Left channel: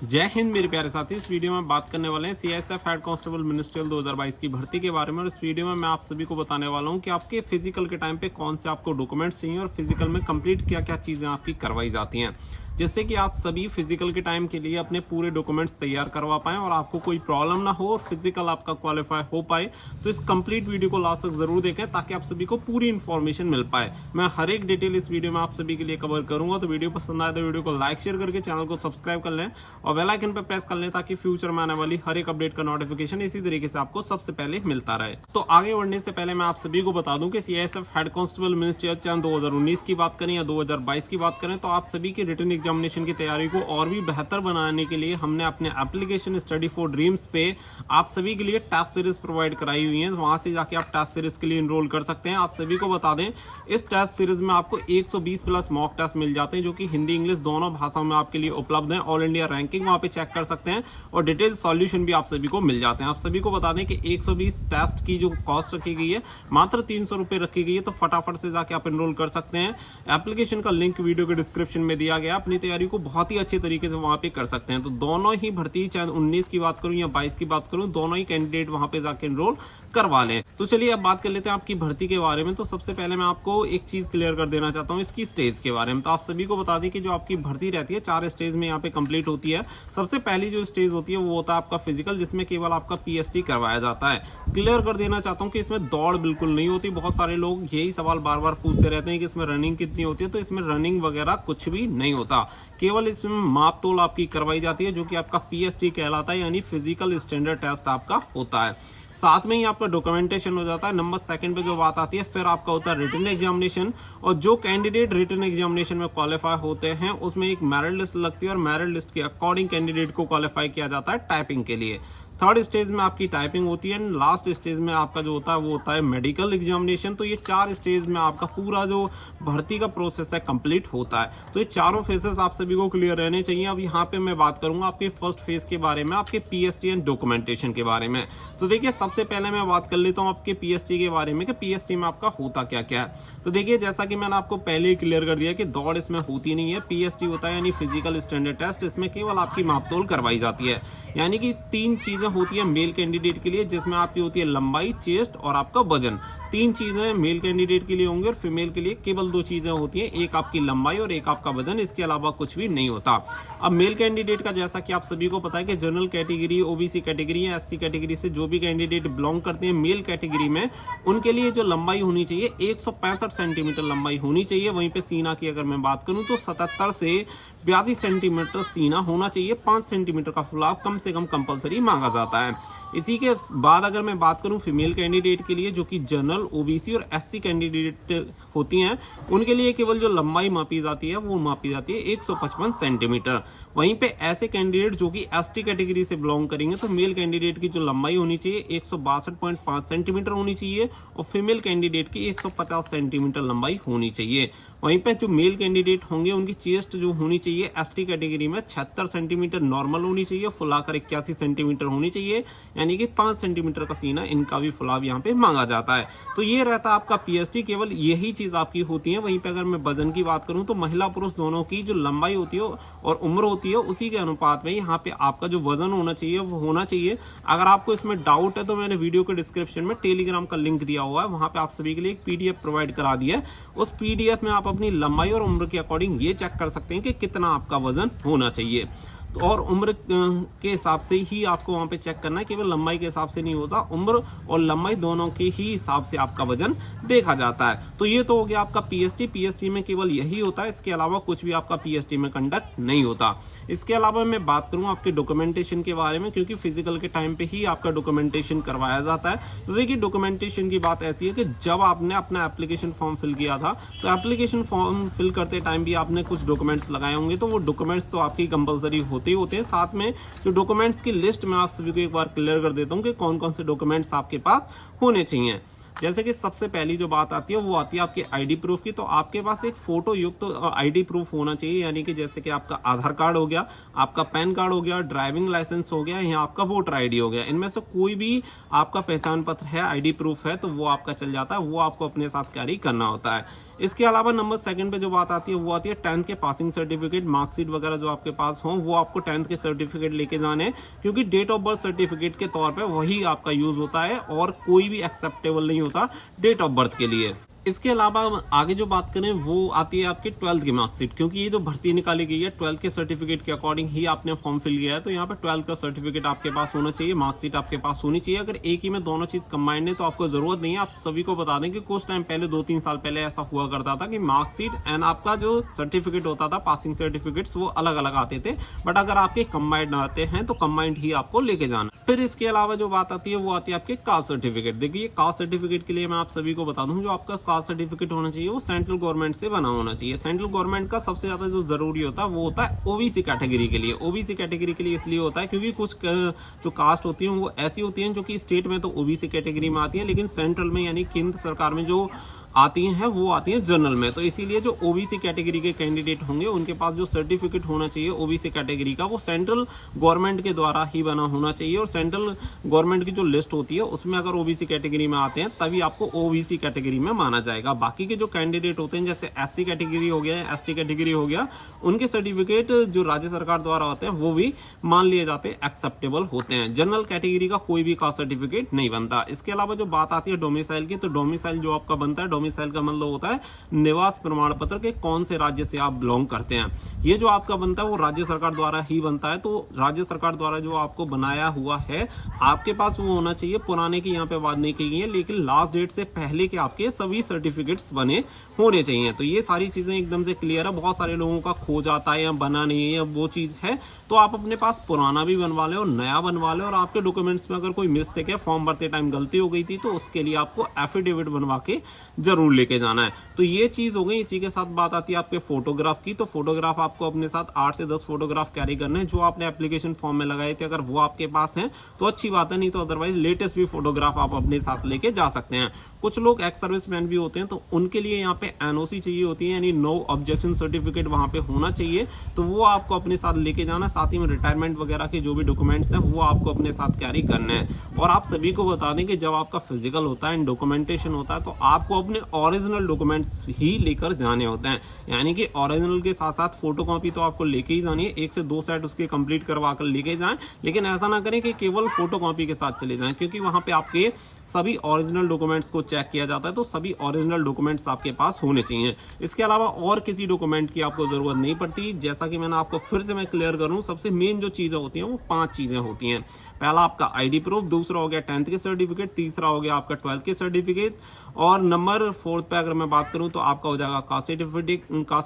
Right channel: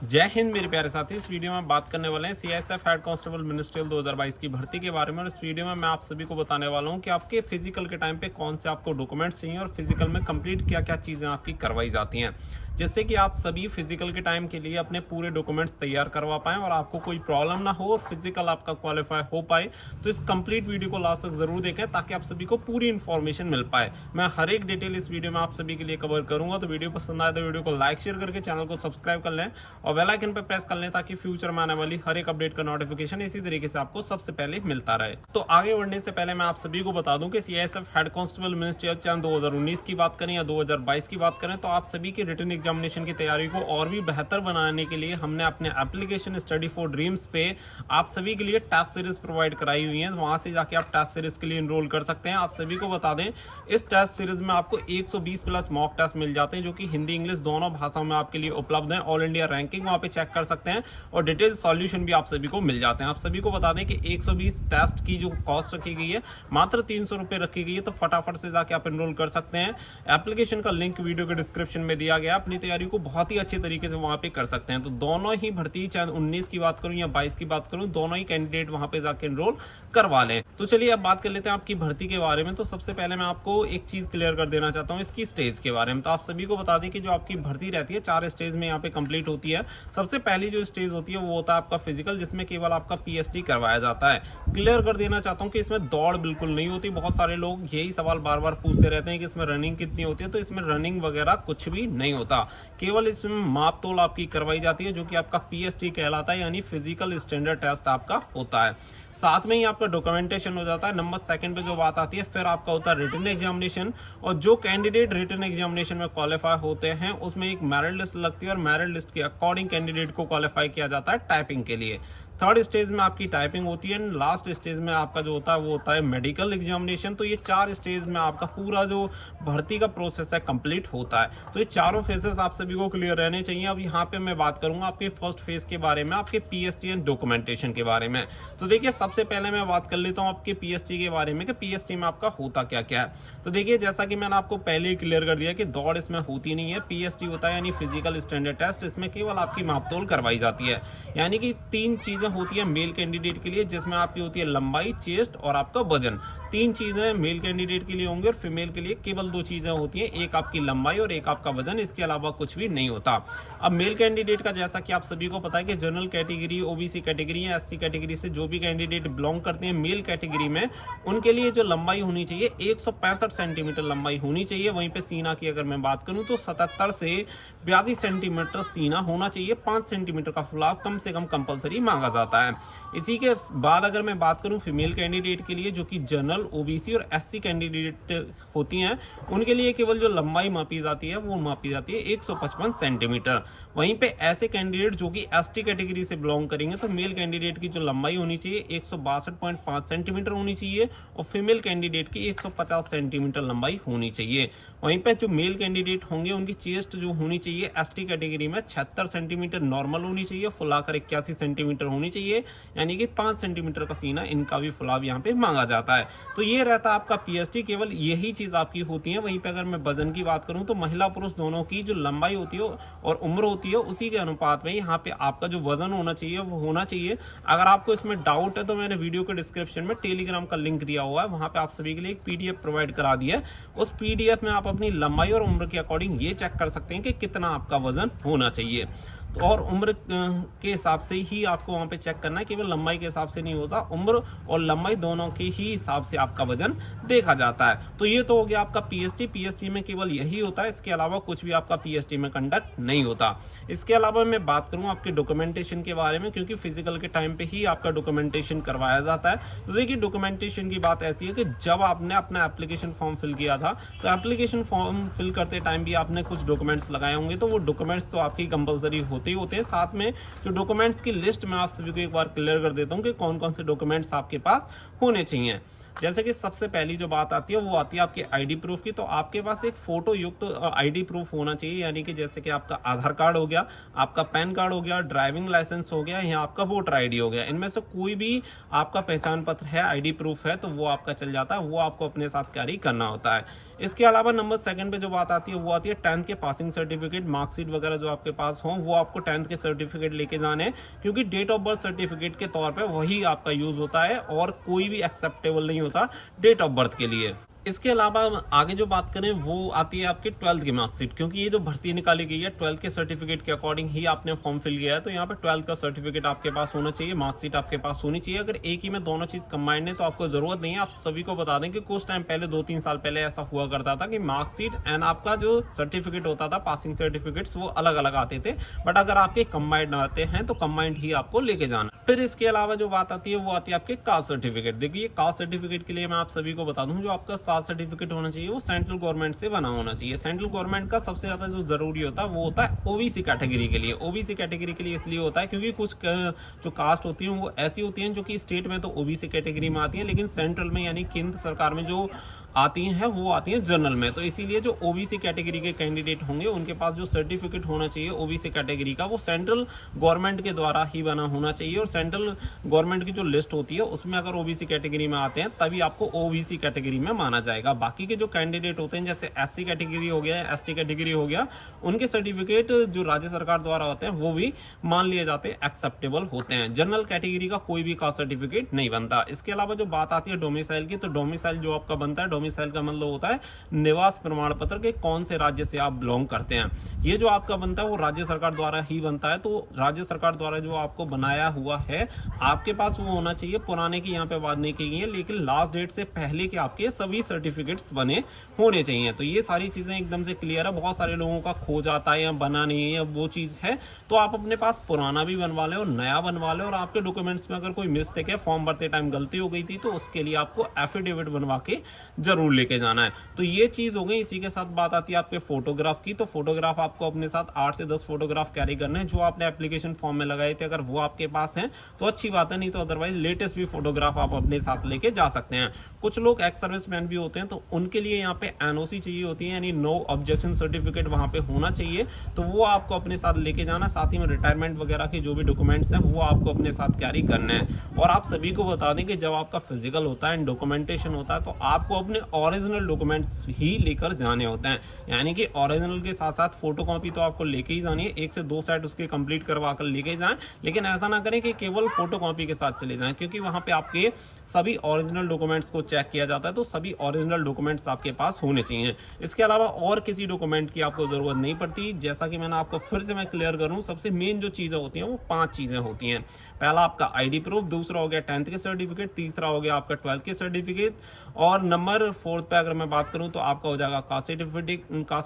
जय हिंद मेरे प्यारे साथी। इस वीडियो में बात करने वाले हैं सीआईएसएफ हेड कांस्टेबल मिनिस्ट्रियल 2022 की भर्ती के बारे में। और इस वीडियो में मैं आप सभी को बताने वाला हूं कि आपके फिजिकल के टाइम पे कौन से आपको डॉक्यूमेंट्स चाहिए और फिजिकल में कंप्लीट क्या क्या चीज़ें आपकी करवाई जाती हैं, जिससे कि आप सभी फिजिकल के टाइम के लिए अपने पूरे डॉक्यूमेंट्स तैयार करवा पाएं और आपको कोई प्रॉब्लम ना हो और फिजिकल आपका क्वालिफाई हो पाए। तो इस कंप्लीट वीडियो को लास्ट तक जरूर देखें ताकि आप सभी को पूरी इन्फॉर्मेशन मिल पाए। मैं हर एक डिटेल इस वीडियो में आप सभी के लिए कवर करूंगा। तो वीडियो पसंद आए तो वीडियो को लाइक शेयर करके चैनल को सब्सक्राइब कर लें और बेल आइकन पर प्रेस कर लें ताकि फ्यूचर में आने वाली हर एक अपडेट का नोटिफिकेशन इसी तरीके से आपको सबसे पहले मिलता रहे। तो आगे बढ़ने से पहले मैं आप सभी को बता दूं कि सीआईएसएफ हेड कांस्टेबल मिनिस्ट्रियल चयन 2019 की बात करें या 2022 की बात करें तो आप सभी की रिटन एग्जामिनेशन की तैयारी को और भी बेहतर बनाने के लिए हमने अपने एप्लीकेशन स्टडी फॉर ड्रीम्स पे आप सभी के लिए टेस्ट सीरीज प्रोवाइड कराई हुई है। वहां से जाके आप टेस्ट सीरीज के लिए एनरोल कर सकते हैं। आप सभी को बता दें इस टेस्ट सीरीज में आपको 120 प्लस मॉक टेस्ट मिल जाते हैं जो कि हिंदी इंग्लिश दोनों भाषाओं में आपके लिए उपलब्ध है। ऑल इंडिया रैंकिंग वहां पे चेक कर सकते हैं और डिटेल सॉल्यूशन भी आप सभी को मिल जाते हैं। आप सभी को बता दें कि 120 टेस्ट की जो कॉस्ट रखी गई है मात्र 300 रुपए रखी गई है। तो फटाफट से जाके आप एनरोल कर सकते हैं। एप्लीकेशन का लिंक वीडियो के डिस्क्रिप्शन में दिया गया। अपनी तैयारी को बहुत ही अच्छे तरीके से वहां पे कर सकते हैं। तो दोनों ही भर्ती, चाहे 19 की बात करूं या 22 की बात करूं, दोनों ही कैंडिडेट वहां पे जाके एनरोल करवा लें। तो चलिए अब बात कर लेते हैं आपकी भर्ती के बारे में। तो सबसे पहले मैं आपको एक चीज क्लियर कर देना चाहता हूं इसकी स्टेज के बारे में। तो आप सभी को बता दें कि जो आपकी भर्ती रहती है 4 स्टेज में यहाँ पे कंप्लीट होती है। सबसे पहली जो स्टेज होती है वो होता है आपका फिजिकल, जिसमें केवल आपका पीएसटी करवाया जाता है। क्लियर कर देना चाहता हूं कि इसमें दौड़ बिल्कुल नहीं होती। बहुत सारे लोग यही सवाल बार बार पूछते रहते हैं कि इसमें रनिंग कितनी होती है। तो इसमें रनिंग वगैरह कुछ भी नहीं होता। केवल इसमें माप तोल आपकी करवाई जाती है जो कि आपका पीएसटी कहलाता है, यानी फिजिकल स्टैंडर्ड टेस्ट आपका होता है। साथ में ही आपका डॉक्यूमेंटेशन हो जाता है। नंबर सेकंड पे जो बात आती है फिर आपका होता है रिटन एग्जामिनेशन। और जो कैंडिडेट रिटन एग्जामिनेशन में क्वालिफाई होते हैं उसमें एक मेरिट लिस्ट लगती है और मेरिट लिस्ट के अकॉर्डिंग कैंडिडेट को क्वालिफाई किया जाता है टाइपिंग के लिए। थर्ड स्टेज में आपकी टाइपिंग होती है। लास्ट स्टेज में आपका जो होता है वो होता है मेडिकल एग्जामिनेशन। तो ये 4 स्टेज में आपका पूरा जो भर्ती का प्रोसेस है कंप्लीट होता है। तो ये चारों फेजेस आप सभी को क्लियर रहने चाहिए। अब यहाँ पे मैं बात करूंगा आपके फर्स्ट फेज के बारे में, आपके पीएसटी एंड डॉक्यूमेंटेशन के बारे में। तो देखिए सबसे पहले मैं बात कर लेता हूँ आपके पीएसटी के बारे में कि पीएसटी में आपका होता क्या क्या है। तो देखिए जैसा कि मैंने आपको पहले ही क्लियर कर दिया कि दौड़ इसमें होती नहीं है। पीएसटी होता है यानी फिजिकल स्टैंडर्ड टेस्ट। इसमें केवल आपकी मापतोल करवाई जाती है। यानी कि 3 चीजें होती है मेल कैंडिडेट के लिए, जिसमें आपकी होती है लंबाई, चेस्ट और आपका वजन। 3 चीजें मेल कैंडिडेट के लिए होंगी और फीमेल के लिए केवल 2 चीजें होती हैं, एक आपकी लंबाई और एक आपका वजन। इसके अलावा कुछ भी नहीं होता। अब मेल कैंडिडेट का जैसा कि आप सभी को पता है कि जनरल कैटेगरी, ओबीसी कैटेगरी या एससी कैटेगरी से जो भी कैंडिडेट बिलोंग करते हैं मेल कैटेगरी में, उनके लिए जो लंबाई होनी चाहिए 165 सेंटीमीटर लंबाई होनी चाहिए। वहीं पे सीना की अगर मैं बात करूं तो 77 से 82 सेंटीमीटर सीना होना चाहिए। 5 सेंटीमीटर का फुलाव कम से कम कंपलसरी मांगा जाता है। इसी के बाद अगर मैं बात करूं फीमेल कैंडिडेट के लिए, जो कि जनरल, ओबीसी और एससी कैंडिडेट होती हैं, उनके लिए केवल जो लंबाई मापी जाती है वो मापी जाती है 155 सेंटीमीटर। वहीं पे ऐसे कैंडिडेट जो कि एसटी कैटेगरी से बिलोंग करेंगे तो मेल कैंडिडेट की जो लंबाई होनी चाहिए 162.5 सेंटीमीटर होनी चाहिए और फीमेल कैंडिडेट की 150 सेंटीमीटर लंबाई होनी चाहिए। वहीं पे जो मेल कैंडिडेट होंगे उनकी चेस्ट जो होनी चाहिए एसटी कैटेगरी में 76 सेंटीमीटर नॉर्मल होनी चाहिए, फुलाकर 81 सेंटीमीटर होनी चाहिए, यानी कि 5 सेंटीमीटर का सीना इनका भी फुलाव यहाँ पे मांगा जाता है। तो ये रहता है आपका पीएसटी, केवल यही चीज आपकी होती है। वहीं पे अगर मैं वजन की बात करूं तो महिला पुरुष दोनों की जो लंबाई होती है और उम्र होती है उसी के अनुपात में यहाँ पे आपका जो वजन होना चाहिए वो होना चाहिए। अगर आपको इसमें डाउट है तो मैंने वीडियो के डिस्क्रिप्शन में टेलीग्राम का लिंक दिया हुआ है, वहां पे आप सभी के लिए एक पीडीएफ प्रोवाइड करा दिया है। उस पीडीएफ में आप अपनी लंबाई और उम्र के अकॉर्डिंग ये चेक कर सकते हैं कि कितना आपका वजन होना चाहिए। तो और उम्र के हिसाब से ही आपको वहां पे चेक करना है, केवल लंबाई के हिसाब से नहीं होता, उम्र और लंबाई दोनों के ही हिसाब से आपका वजन देखा जाता है। तो ये तो हो गया आपका पीएसटी। पीएसटी में केवल यही होता है, इसके अलावा कुछ भी आपका पीएसटी में कंडक्ट नहीं होता। इसके अलावा मैं बात करूं आपके डॉक्यूमेंटेशन के बारे में, क्योंकि फिजिकल के टाइम पे ही आपका डॉक्यूमेंटेशन करवाया जाता है। तो देखिए डॉक्यूमेंटेशन की बात ऐसी है कि जब आपने अपना एप्लीकेशन फॉर्म फिल किया था तो एप्लीकेशन फॉर्म फिल करते टाइम भी आपने कुछ डॉक्यूमेंट्स लगाए होंगे। तो वो डॉक्यूमेंट्स तो आपकी कंपलसरी होते हैं। साथ में जो डॉक्यूमेंट्स की लिस्ट में आप सभी को एक बार क्लियर कर देता हूं कि कौन कौन से डॉक्यूमेंट्स आपके पास होने चाहिए। जैसे कि सबसे पहली जो बात आती है वो आती है आपके आईडी प्रूफ की। तो आपके पास एक फोटो युक्त आईडी प्रूफ होना चाहिए, यानी कि जैसे कि आपका आधार कार्ड हो गया, आपका पैन कार्ड हो गया, ड्राइविंग लाइसेंस हो गया या आपका वोटर आईडी हो गया। इनमें से कोई भी आपका पहचान पत्र है, आईडी प्रूफ है, तो वो आपका चल जाता है, वो आपको अपने साथ कैरी करना होता है। इसके अलावा नंबर सेकंड पे जो बात आती है वो आती है 10th के पासिंग सर्टिफिकेट, मार्कशीट वगैरह जो आपके पास हो वो आपको 10th के सर्टिफिकेट लेके जाने हैं, क्योंकि डेट ऑफ बर्थ सर्टिफिकेट के तौर पे वही आपका यूज होता है और कोई भी एक्सेप्टेबल नहीं होता डेट ऑफ बर्थ के लिए। इसके अलावा आगे जो बात करें वो आती है आपकी 12th की मार्कशीट, क्योंकि ये जो भर्ती निकाली गई है 12th के सर्टिफिकेट के अकॉर्डिंग ही आपने फॉर्म फिल किया है, तो यहाँ पे 12th का सर्टिफिकेट आपके पास होना चाहिए, मार्कशीट आपके पास होनी चाहिए। अगर एक ही में दोनों चीज कंबाइंड है तो आपको जरूरत नहीं है। आप सभी को बता दें कि कुछ टाइम पहले 2-3 साल पहले ऐसा हुआ करता था कि मार्कशीट एंड आपका जो सर्टिफिकेट होता था पासिंग सर्टिफिकेट्स वो अलग अलग आते थे, बट अगर आपके कंबाइंड आते हैं तो कंबाइंड ही आपको लेके जाना। फिर इसके अलावा जो बात आती है वो आती है आपके कास्ट सर्टिफिकेट। देखिए कास्ट सर्टिफिकेट के लिए मैं आप सभी को बता दूं, जो आपका कास्ट सर्टिफिकेट होना चाहिए वो सेंट्रल गवर्नमेंट से बना होना चाहिए। सेंट्रल गवर्नमेंट का सबसे ज्यादा जो जरूरी होता है वो होता है ओबीसी कैटेगरी के लिए। ओबीसी कैटेगरी के लिए इसलिए होता है क्योंकि कुछ जो कास्ट होती है वो ऐसी होती हैं जो कि स्टेट में तो ओबीसी कैटेगरी में आती है, लेकिन सेंट्रल में यानी केंद्र सरकार में जो आती हैं वो आती हैं जनरल में। तो इसीलिए जो ओबीसी कैटेगरी के कैंडिडेट होंगे उनके पास जो सर्टिफिकेट होना चाहिए ओबीसी कैटेगरी का वो सेंट्रल गवर्नमेंट के द्वारा ही बना होना चाहिए, और सेंट्रल गवर्नमेंट की जो लिस्ट होती है उसमें अगर ओबीसी कैटेगरी में आते हैं तभी आपको ओबीसी कैटेगरी में माना जाएगा। बाकी के जो कैंडिडेट होते हैं जैसे एससी कैटेगरी हो गया, एसटी कैटेगरी हो गया, उनके सर्टिफिकेट जो राज्य सरकार द्वारा होते हैं वो भी मान लिए जाते हैं, एक्सेप्टेबल होते हैं। जनरल कैटेगरी का कोई भी कास्ट सर्टिफिकेट नहीं बनता। इसके अलावा जो बात आती है डोमिसाइल की, तो डोमिसाइल जो आपका बनता है, डोमिसाइल का मतलब होता है निवास प्रमाण पत्र के कौन से राज्य से आप बिलोंग करते हैं। ये जो आपका बनता है वो राज्य सरकार द्वारा ही बनता है, तो राज्य सरकार द्वारा जो आपको बनाया हुआ है आपके पास वो होना चाहिए। पुराने की यहाँ पे बात नहीं की गई है, लेकिन लास्ट डेट से पहले के आपके सभी सर्टिफिकेट्स बने होने चाहिए। तो ये सारी चीजें एकदम से क्लियर है। बहुत सारे लोगों का खो जाता है या बना नहीं है, वो चीज है, तो आप अपने पास पुराना भी बनवा लें और नया बनवा लें, और आपके डॉक्यूमेंट्स में अगर कोई मिस्टेक है, फॉर्म भरते टाइम गलती हो गई थी, तो उसके लिए आपको एफिडेविट बनवा के जरूर लेके जाना है। तो ये चीज हो गई। इसी के साथ बात आती है आपके फोटोग्राफ की, तो फोटोग्राफ आपको अपने साथ 8 से 10 फोटोग्राफ कैरी करने हैं जो आपने एप्लीकेशन फॉर्म में लगाए थे। अगर वो आपके पास हैं तो अच्छी बात है, नहीं तो अदरवाइज लेटेस्ट भी फोटोग्राफ आप अपने साथ लेके जा सकते हैं। कुछ लोग एक्स सर्विसमैन भी होते हैं तो उनके लिए यहाँ पे एनओसी चाहिए होती है, यानी नो ऑब्जेक्शन सर्टिफिकेट वहां पे होना चाहिए, तो वो आपको अपने साथ लेके जाना। साथ ही में रिटायरमेंट वगैरह के जो भी डॉक्यूमेंट्स हैं वो आपको अपने साथ कैरी करने हैं। और आप सभी को बता दें कि जब आपका फिजिकल होता है, डॉक्यूमेंटेशन होता है, तो आपको अपने ओरिजिनल डॉक्यूमेंट्स ही लेकर जाने होते हैं, यानी कि ओरिजिनल के साथ साथ फोटोकॉपी तो आपको लेके ही जानी है। 1 से 2 सेट उसके कंप्लीट करवा कर लेके जाएं, लेकिन ऐसा ना करें कि केवल फोटोकॉपी के साथ चले जाएं, क्योंकि वहां पे आपके सभी ओरिजिनल डॉक्यूमेंट्स को चेक किया जाता है, तो सभी ओरिजिनल डॉक्यूमेंट्स आपके पास होने चाहिए। इसके अलावा और किसी डॉक्यूमेंट की आपको जरूरत नहीं पड़ती। जैसा कि मैंने आपको फिर से मैं क्लियर करूं, सबसे मेन जो चीजें होती हैं वो 5 चीजें होती हैं। पहला आपका आईडी प्रूफ, दूसरा हो गया 10th के सर्टिफिकेट, तीसरा हो गया आपका 12th के सर्टिफिकेट, और नंबर 4th पे अगर मैं बात करूं तो आपका हो जाएगा कास्ट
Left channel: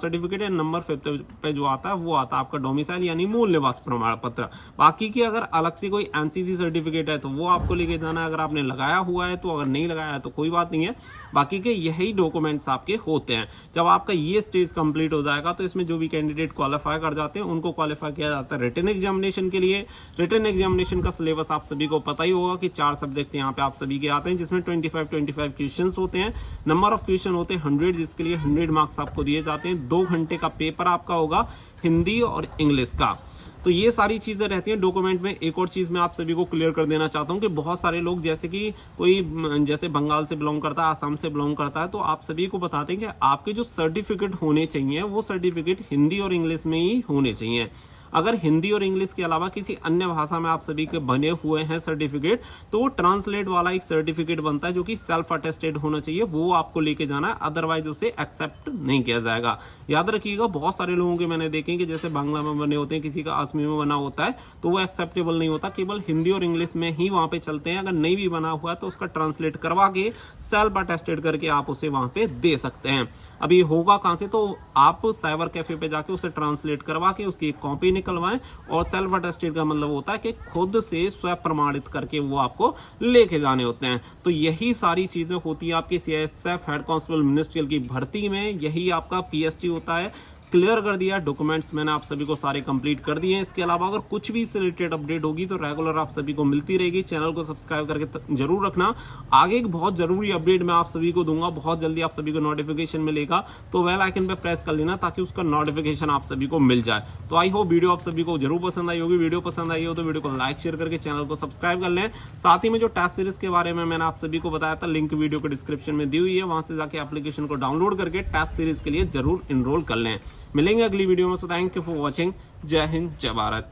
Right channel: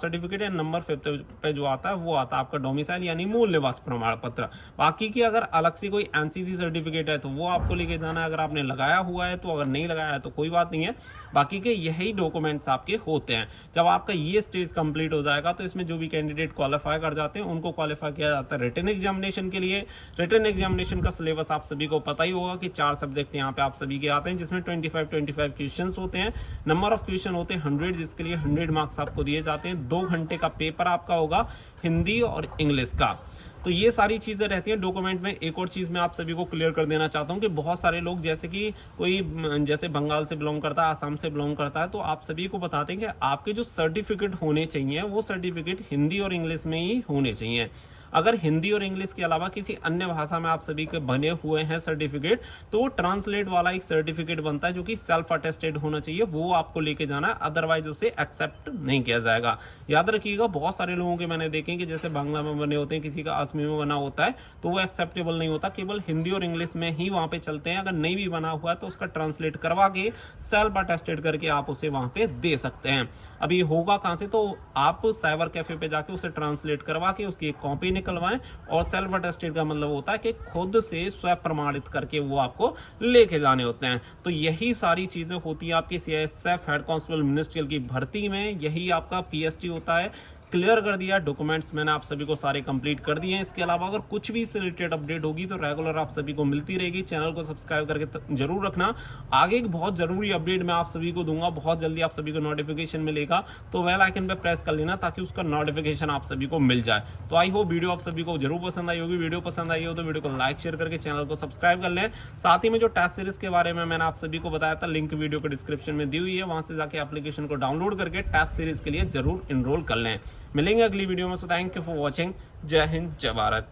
सर्टिफिकेट है। नंबर 5th पे जो आता है वो आता है आपका डोमिसाइल यानी मूल निवास प्रमाण पत्र। बाकी की अगर अलग से कोई एनसीसी सर्टिफिकेट है तो वो आपको लेके जाना है, अगर आपने लगाया हुआ है तो, अगर नहीं लगाया है तो कोई बात नहीं है। बाकी के यही डॉक्यूमेंट्स आपके होते हैं। जब आपका ये स्टेज कंप्लीट हो जाएगा तो इसमें जो भी कैंडिडेट क्वालिफाई कर जाते हैं उनको क्वालिफाई किया जाता है रिटन एग्जामिनेशन के लिए। रिटन एग्जामिनेशन का सिलेबस आप सभी को पता ही होगा कि 4 सब्जेक्ट यहाँ पे आप सभी के आते हैं, जिसमें 25 क्वेश्चंस होते हैं। नंबर ऑफ क्वेश्चन होते हैं 100, जिसके लिए 100 मार्क्स आपको दिए जाते हैं। 2 घंटे का पेपर आपका होगा हिंदी और इंग्लिश का। तो ये सारी चीजें रहती हैं डॉक्यूमेंट में। एक और चीज मैं आप सभी को क्लियर कर देना चाहता हूं कि बहुत सारे लोग जैसे कि कोई जैसे बंगाल से बिलोंग करता है, आसाम से बिलोंग करता है, तो आप सभी को बताते हैं कि आपके जो सर्टिफिकेट होने चाहिए वो सर्टिफिकेट हिंदी और इंग्लिश में ही होने चाहिए। अगर हिंदी और इंग्लिश के अलावा किसी अन्य भाषा में आप सभी के बने हुए हैं सर्टिफिकेट, तो वो ट्रांसलेट वाला एक सर्टिफिकेट बनता है जो कि सेल्फ अटेस्टेड होना चाहिए, वो आपको लेके जाना है, अदरवाइज उसे एक्सेप्ट नहीं किया जाएगा। याद रखिएगा, बहुत सारे लोगों के मैंने देखे कि जैसे बांग्ला में बने होते हैं, किसी का असमी में बना होता है, तो वो एक्सेप्टेबल नहीं होता, केवल हिंदी और इंग्लिश में ही वहां पे चलते हैं। अगर नहीं भी बना हुआ है तो उसका ट्रांसलेट करवा के सेल्फ अटेस्टेड करके आप उसे वहां पे दे सकते हैं। अभी होगा कहां से, तो आप साइबर कैफे पे जाके उसे ट्रांसलेट करवा के उसकी एक कॉपी निकलवाएं, और सेल्फ अटेस्टेड का मतलब होता है कि खुद से स्व प्रमाणित करके वो आपको लेके जाने होते हैं। तो यही सारी चीजें होती है आपकी सीआईएसएफ हेड कांस्टेबल मिनिस्ट्रियल की भर्ती में। यही आपका पीएसटी होता है, क्लियर कर दिया। डॉक्यूमेंट्स मैंने आप सभी को सारे कंप्लीट कर दिए हैं। इसके अलावा अगर कुछ भी इससे रिलेटेड अपडेट होगी तो रेगुलर आप सभी को मिलती रहेगी। चैनल को सब्सक्राइब करके जरूर रखना। आगे एक बहुत जरूरी अपडेट मैं आप सभी को दूंगा, बहुत जल्दी आप सभी को नोटिफिकेशन मिलेगा, तो बेल आइकन पे प्रेस कर लेना ताकि उसका नोटिफिकेशन आप सभी को मिल जाए। तो आई होप वीडियो आप सभी को जरूर पसंद आई होगी। वीडियो पसंद आई हो तो वीडियो को लाइक शेयर करके चैनल को सब्सक्राइब कर लें। साथ ही में जो टेस्ट सीरीज के बारे में मैंने आप सभी को बताया था, लिंक वीडियो के डिस्क्रिप्शन में दी हुई है, वहां से जाके एप्लीकेशन को डाउनलोड करके टेस्ट सीरीज के लिए जरूर एनरोल कर लें। मिलेंगे अगली वीडियो में। So thank you for watching. जय हिंद, जय भारत।